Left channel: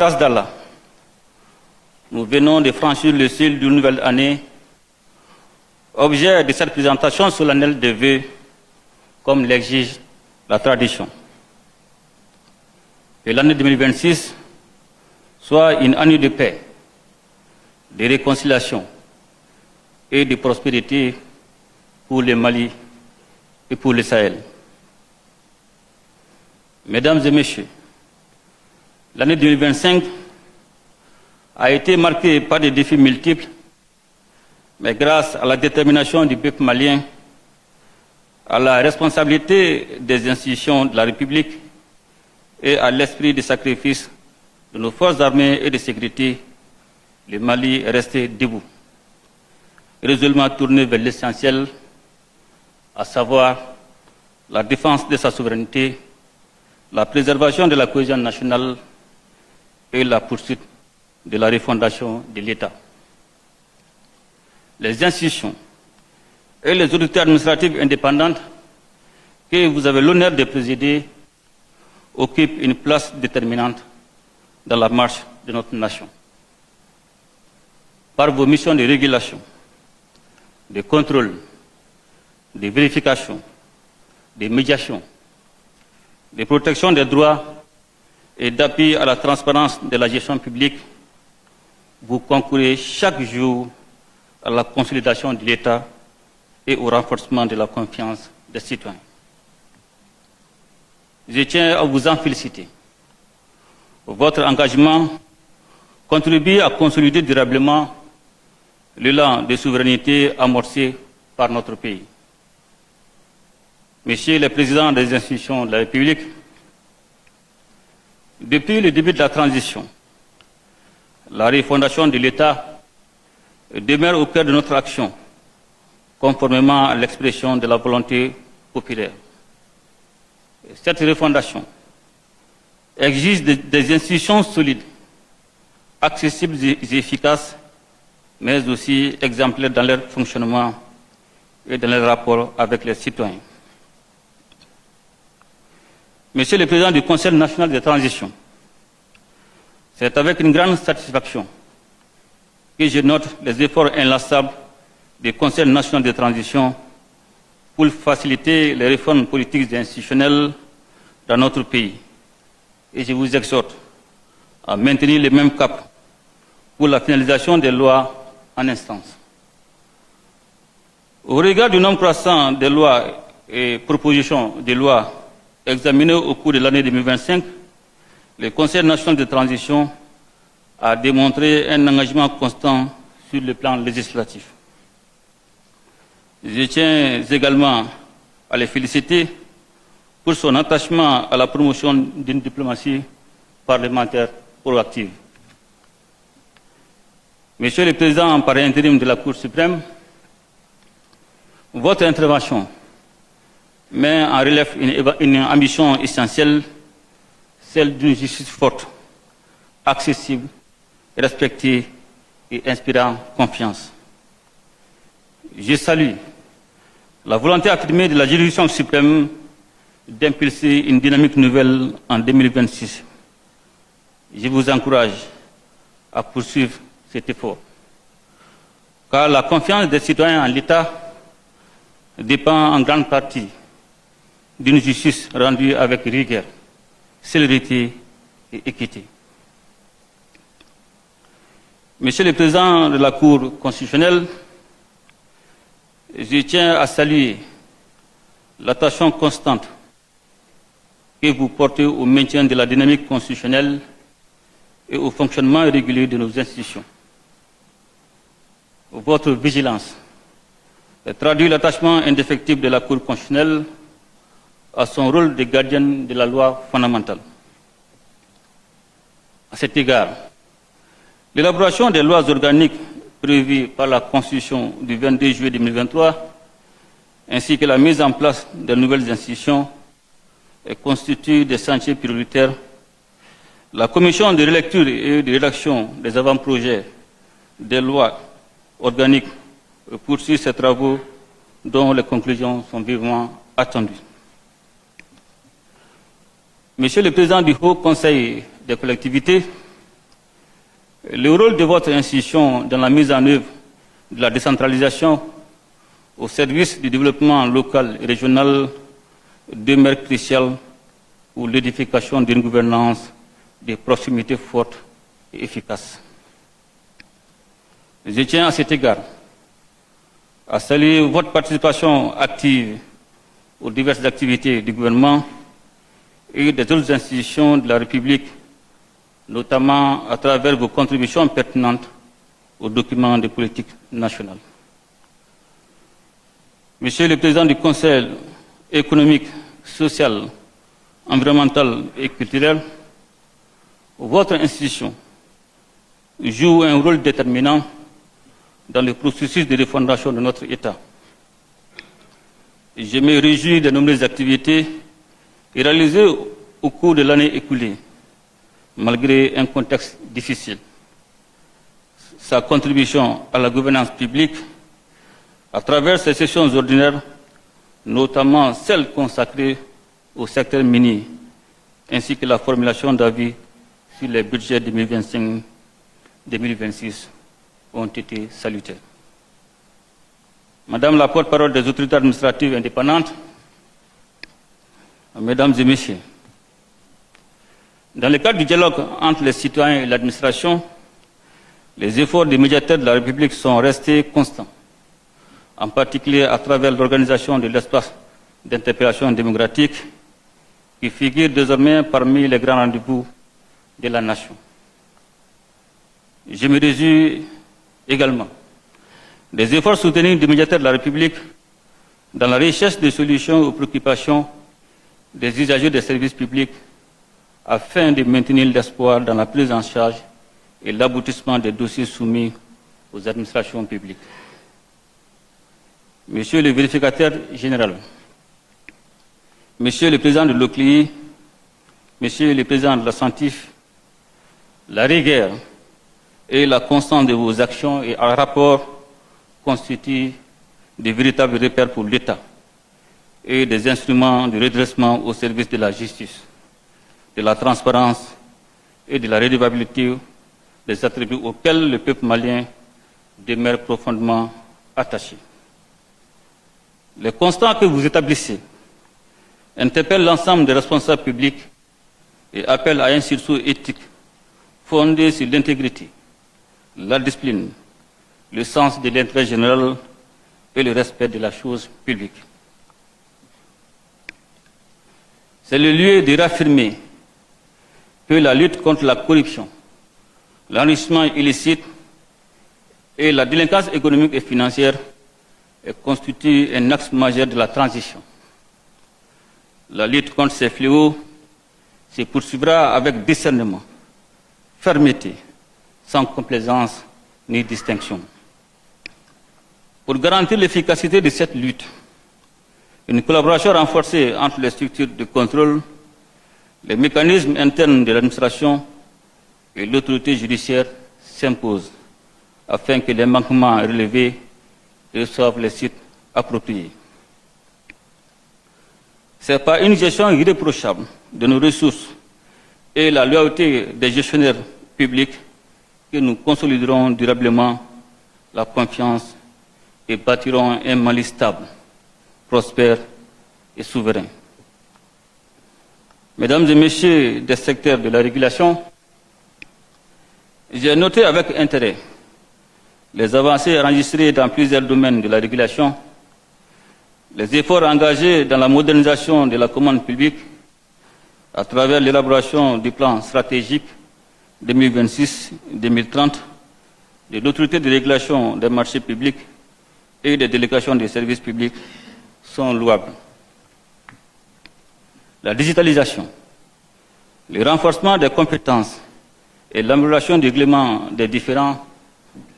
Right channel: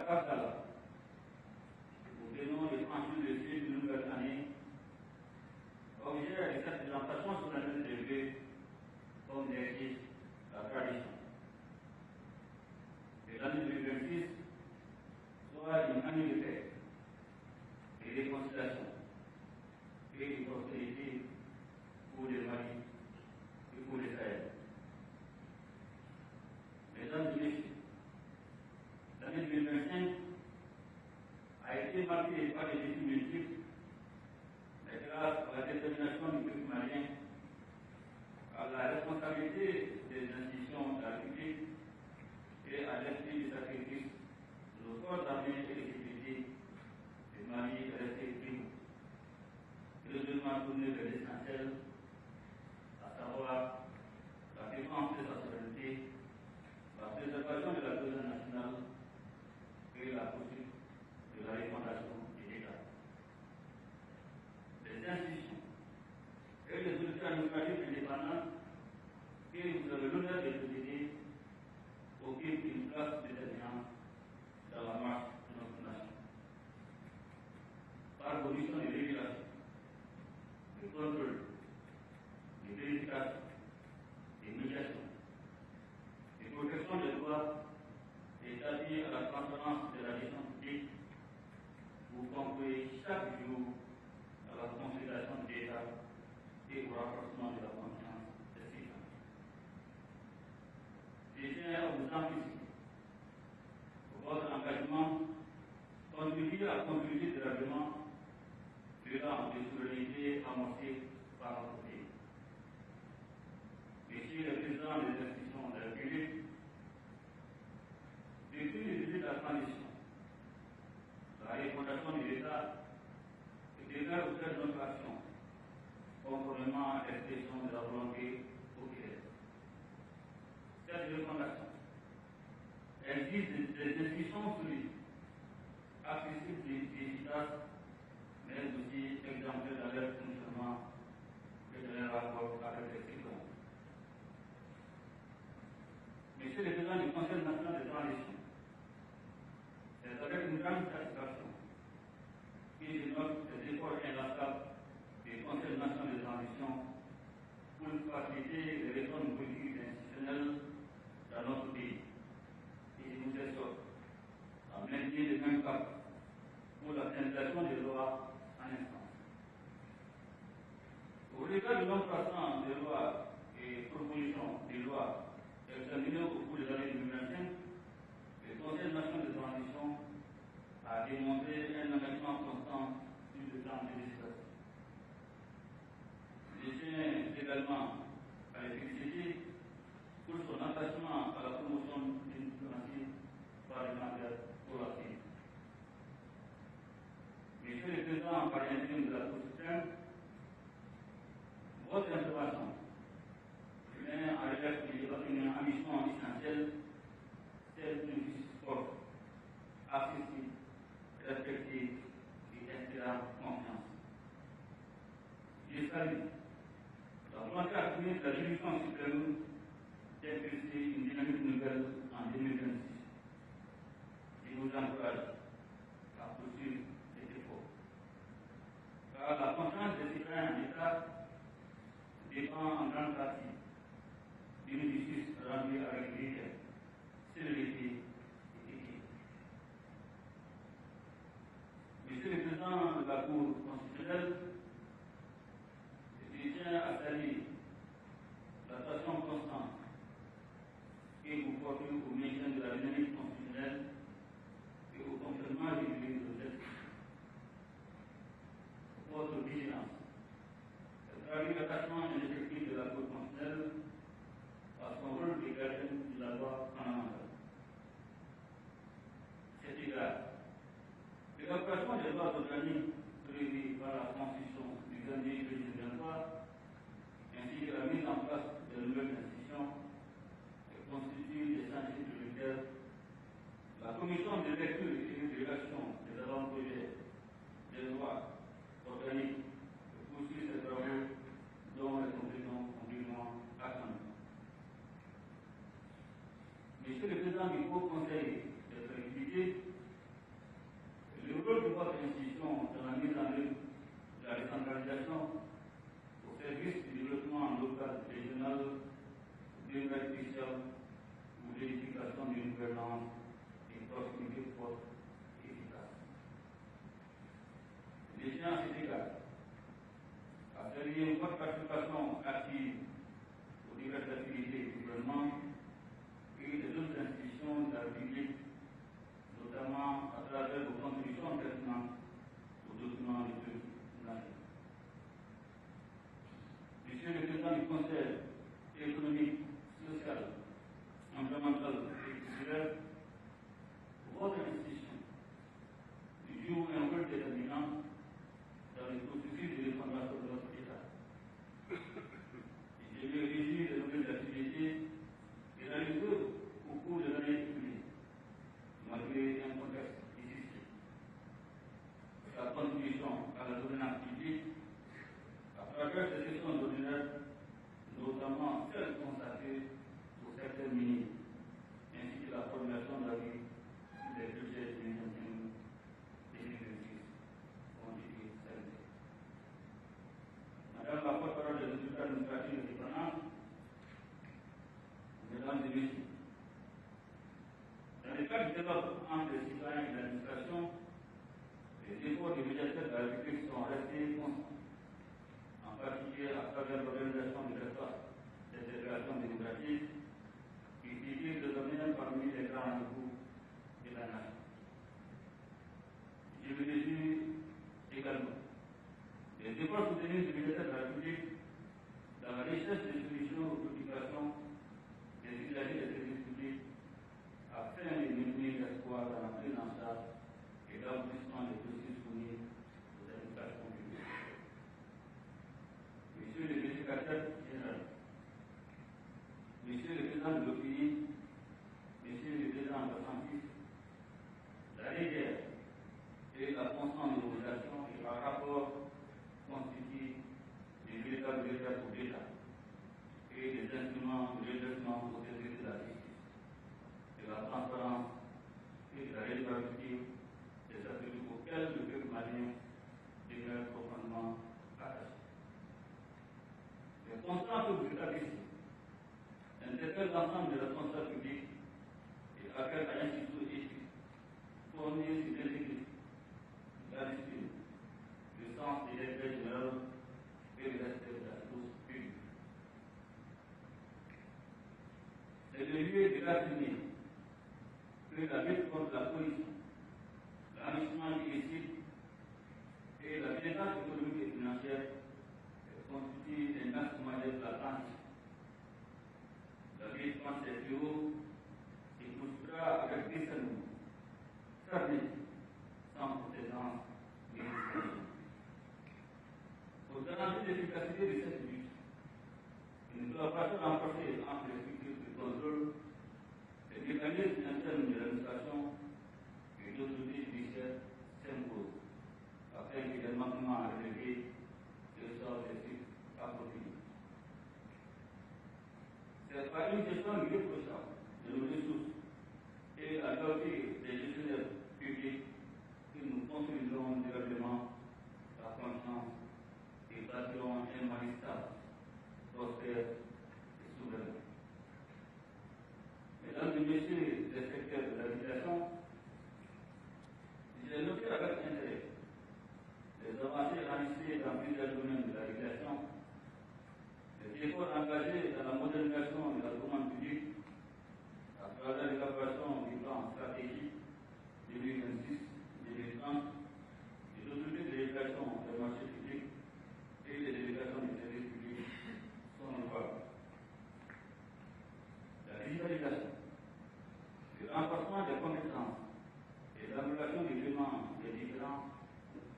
Grâce d'Allah, nous venons de franchir le seuil d'une nouvelle année, objet de cette présentation solennelle de vœux, comme l'exige la tradition. Que l'année 2026 soit une année de paix, de réconciliation et de prospérité pour le Mali et pour le Sahel. Mesdames et messieurs, l'année 2025 a été marquée par des défis multiples, mais grâce à la détermination du peuple malien, à la responsabilité des institutions de la République et à l'esprit de sacrifice de nos forces armées et de sécurité, le Mali est resté debout, résolument tourné vers l'essentiel, à savoir la défense de sa souveraineté, la préservation de la cohésion nationale et la poursuite de la refondation de l'État. Les institutions et les autorités administratives indépendantes que vous avez l'honneur de présider occupent une place déterminante dans la marche de notre nation. Par vos missions de régulation, de contrôle, de vérification, de médiation, de protection des droits et d'appui à la transparence de la gestion publique, vous concourez chaque jour à la consolidation de l'État et au renforcement de la confiance des citoyens. Je tiens à vous en féliciter. Votre engagement contribue à consolider durablement l'élan de souveraineté amorcé par notre pays. Monsieur le Président des institutions de la République, depuis le début de la transition, la refondation de l'État demeure au cœur de notre action, conformément à l'expression de la volonté populaire. Cette refondation exige des institutions solides, accessibles et efficaces, mais aussi exemplaires dans leur fonctionnement et dans leurs rapports avec les citoyens. Monsieur le Président du Conseil national de transition, c'est avec une grande satisfaction que je note les efforts inlassables du Conseil national de transition pour faciliter les réformes politiques et institutionnelles dans notre pays. Et je vous exhorte à maintenir le même cap pour la finalisation des lois en instance. Au regard du nombre croissant de lois et propositions de loi examinées au cours de l'année 2025, le Conseil national de transition a démontré un engagement constant sur le plan législatif. Je tiens également à les féliciter pour son attachement à la promotion d'une diplomatie parlementaire proactive. Monsieur le Président par intérim de la Cour suprême, votre intervention met en relief une ambition essentielle, celle d'une justice forte, accessible, respectée et inspirant confiance. Je salue la volonté affirmée de la juridiction suprême d'impulser une dynamique nouvelle en 2026. Je vous encourage à poursuivre cet effort, car la confiance des citoyens en l'État dépend en grande partie d'une justice rendue avec rigueur, célérité et équité. Monsieur le Président de la Cour constitutionnelle, je tiens à saluer l'attention constante que vous portez au maintien de la dynamique constitutionnelle et au fonctionnement régulier de nos institutions. Votre vigilance traduit l'attachement indéfectible de la Cour constitutionnelle à son rôle de gardienne de la loi fondamentale. À cet égard, l'élaboration des lois organiques prévues par la Constitution du 22 juillet 2023, ainsi que la mise en place de nouvelles institutions, constituent des chantiers prioritaires. La Commission de relecture et de rédaction des avant-projets des lois organiques poursuit ses travaux dont les conclusions sont vivement attendues. Monsieur le Président du Haut Conseil des collectivités, Le rôle de votre institution dans la mise en œuvre de la décentralisation au service du développement local et régional demeure crucial pour l'édification d'une gouvernance de proximité forte et efficace. Je tiens à cet égard à saluer votre participation active aux diverses activités du gouvernement et des autres institutions de la République, notamment à travers vos contributions pertinentes aux documents de politique nationale. Monsieur le Président du Conseil économique, social, environnemental et culturel, votre institution joue un rôle déterminant dans le processus de refondation de notre État. Je me réjouis des nombreuses activités réalisées au cours de l'année écoulée, malgré un contexte difficile. Sa contribution à la gouvernance publique, à travers ces sessions ordinaires, notamment celles consacrées au secteur minier, ainsi que la formulation d'avis sur les budgets 2025-2026, ont été salutaires. Madame la porte-parole des autorités administratives indépendantes, Mesdames et Messieurs, dans le cadre du dialogue entre les citoyens et l'administration, les efforts des médiateurs de la République sont restés constants, en particulier à travers l'organisation de l'espace d'interpellation démocratique qui figure désormais parmi les grands rendez-vous de la nation. Je me réjouis également des efforts soutenus du médiateur de la République dans la recherche de solutions aux préoccupations des usagers des services publics afin de maintenir l'espoir dans la prise en charge et l'aboutissement des dossiers soumis aux administrations publiques. Monsieur le vérificateur général, Monsieur le président de l'OCLI, Monsieur le président de la CENTIF, la rigueur et la constance de vos actions et rapports constituent de véritables repères pour l'État et des instruments de redressement au service de la justice, de la transparence et de la redevabilité des attributs auxquels le peuple malien demeure profondément attaché. Les constats que vous établissez interpellent l'ensemble des responsables publics et appellent à un sursaut éthique fondé sur l'intégrité, la discipline, le sens de l'intérêt général et le respect de la chose publique. C'est le lieu de réaffirmer que la lutte contre la corruption, l'enrichissement illicite et la délinquance économique et financière constitue un axe majeur de la transition. La lutte contre ces fléaux se poursuivra avec discernement, fermeté, sans complaisance ni distinction. Pour garantir l'efficacité de cette lutte, une collaboration renforcée entre les structures de contrôle, les mécanismes internes de l'administration et l'autorité judiciaire s'impose afin que les manquements relevés reçoivent les sites appropriés. C'est par une gestion irréprochable de nos ressources et la loyauté des gestionnaires publics que nous consoliderons durablement la confiance et bâtirons un Mali stable, prospère et souverain. Mesdames et Messieurs des secteurs de la régulation, j'ai noté avec intérêt les avancées enregistrées dans plusieurs domaines de la régulation, les efforts engagés dans la modernisation de la commande publique à travers l'élaboration du plan stratégique 2026-2030 de l'autorité de régulation des marchés publics et des délégations des services publics sont louables. La digitalisation, le renforcement des compétences et l'amélioration du règlement des différends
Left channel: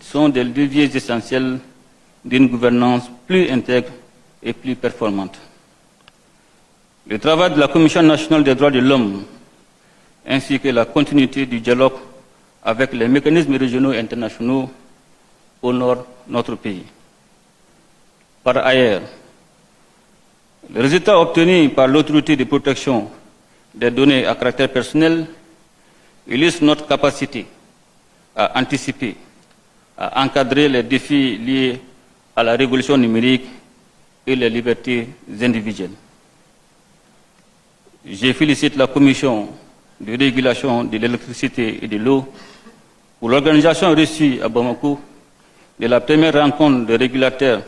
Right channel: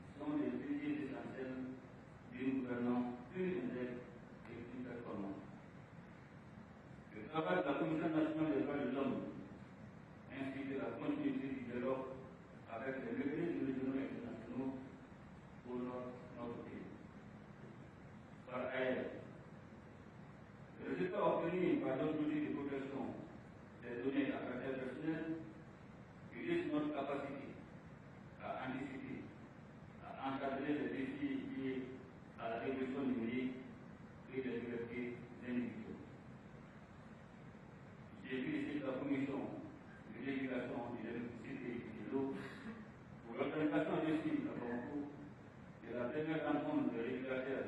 sont des leviers essentiels d'une gouvernance plus intègre et plus performante. Le travail de la Commission nationale des droits de l'homme ainsi que la continuité du dialogue avec les mécanismes régionaux et internationaux honorent notre pays. Par ailleurs, les résultats obtenus par l'autorité de protection des données à caractère personnel illustrent notre capacité à anticiper, à encadrer les défis liés à la révolution numérique et les libertés individuelles. Je félicite la Commission de régulation de l'électricité et de l'eau pour l'organisation reçue à Bamako de la première rencontre de régulateurs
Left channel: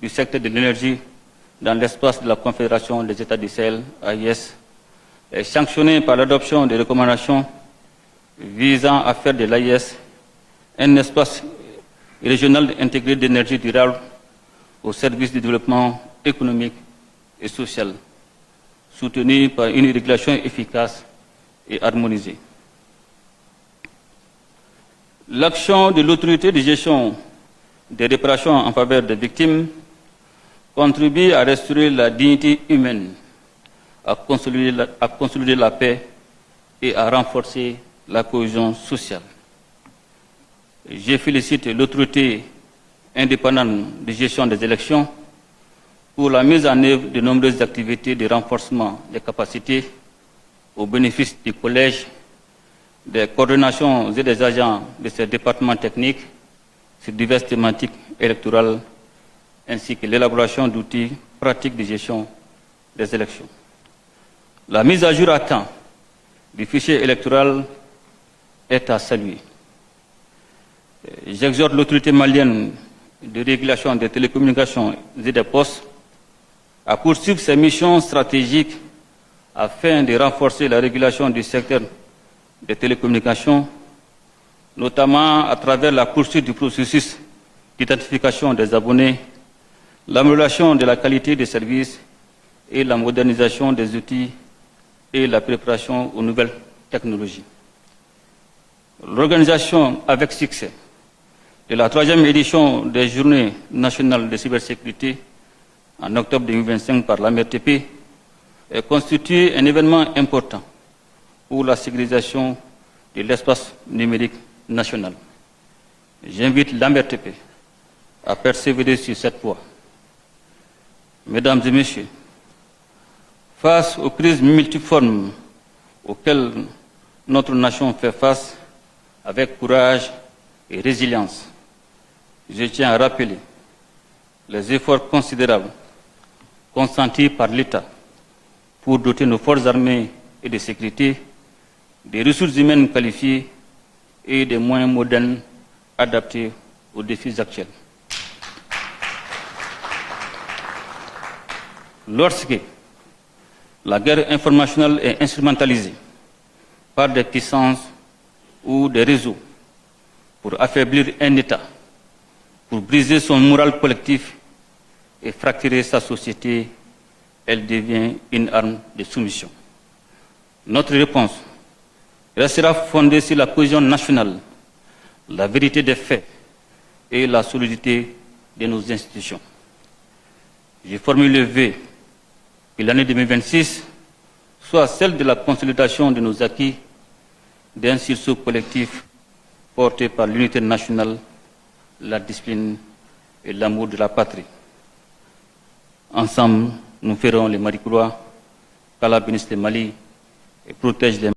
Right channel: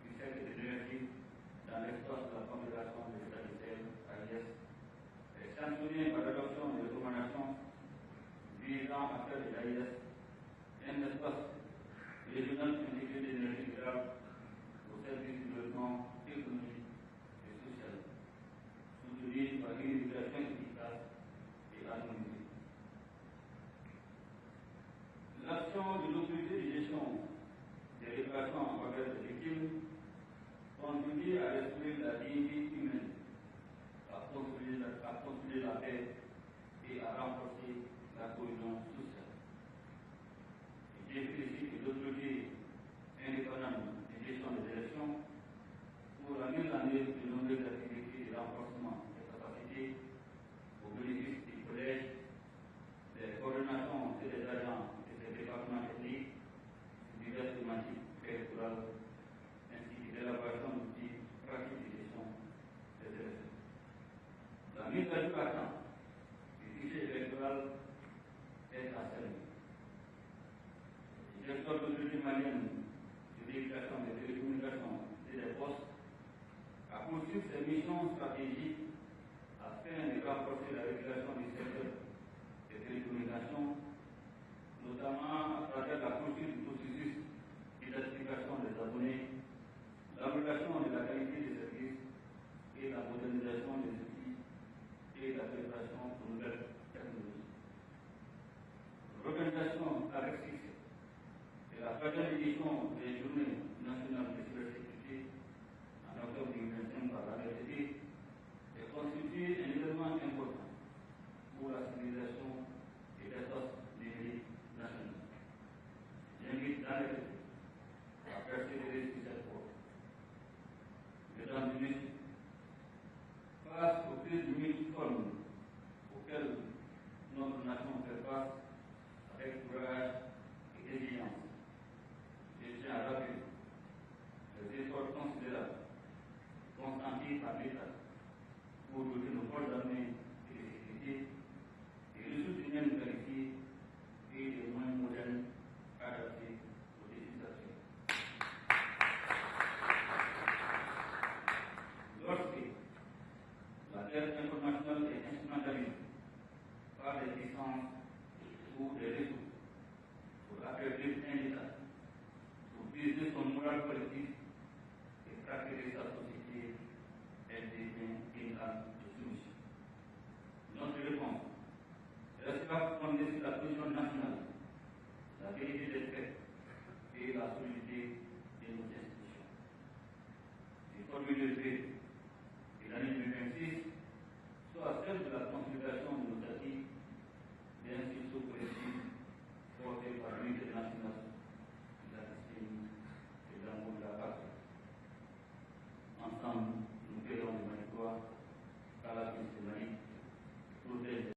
du secteur de l'énergie dans l'espace de la Confédération des États du Sahel, AIS, et sanctionnée par l'adoption des recommandations visant à faire de l'AIS un espace régional intégré d'énergie durable au service du développement économique et social, soutenu par une régulation efficace et harmonisée. L'action de l'autorité de gestion des réparations en faveur des victimes contribue à restaurer la dignité humaine, à consolider la paix et à renforcer la cohésion sociale. Je félicite l'autorité indépendante de gestion des élections pour la mise en œuvre de nombreuses activités de renforcement des capacités au bénéfice du collège, des coordinations et des agents de ces départements techniques sur diverses thématiques électorales, ainsi que l'élaboration d'outils pratiques de gestion des élections. La mise à jour à temps du fichier électoral est à saluer. J'exhorte l'autorité malienne de régulation des télécommunications et des postes à poursuivre ses missions stratégiques afin de renforcer la régulation du secteur des télécommunications, notamment à travers la poursuite du processus d'identification des abonnés, l'amélioration de la qualité des services et la modernisation des outils et la préparation aux nouvelles technologies. L'organisation avec succès de la 3e édition des Journées nationales de cybersécurité en octobre 2025 par l'AMRTP constitue un événement important pour la sécurisation de l'espace numérique national. J'invite l'AMRTP à persévérer sur cette voie. Mesdames et Messieurs, face aux crises multiformes auxquelles notre nation fait face avec courage et résilience, je tiens à rappeler les efforts considérables consentis par l'État pour doter nos forces armées et de sécurité des ressources humaines qualifiées et des moyens modernes adaptés aux défis actuels. Lorsque la guerre informationnelle est instrumentalisée par des puissances ou des réseaux pour affaiblir un État, pour briser son moral collectif et fracturer sa société, elle devient une arme de soumission. Notre réponse restera fondée sur la cohésion nationale, la vérité des faits et la solidité de nos institutions. Je formule le vœu que l'année 2026 soit celle de la consolidation de nos acquis, d'un sursaut collectif porté par l'unité nationale, la discipline et l'amour de la patrie. Ensemble, nous ferons les Maricoulois, qu'Allah bénisse le Mali et protège les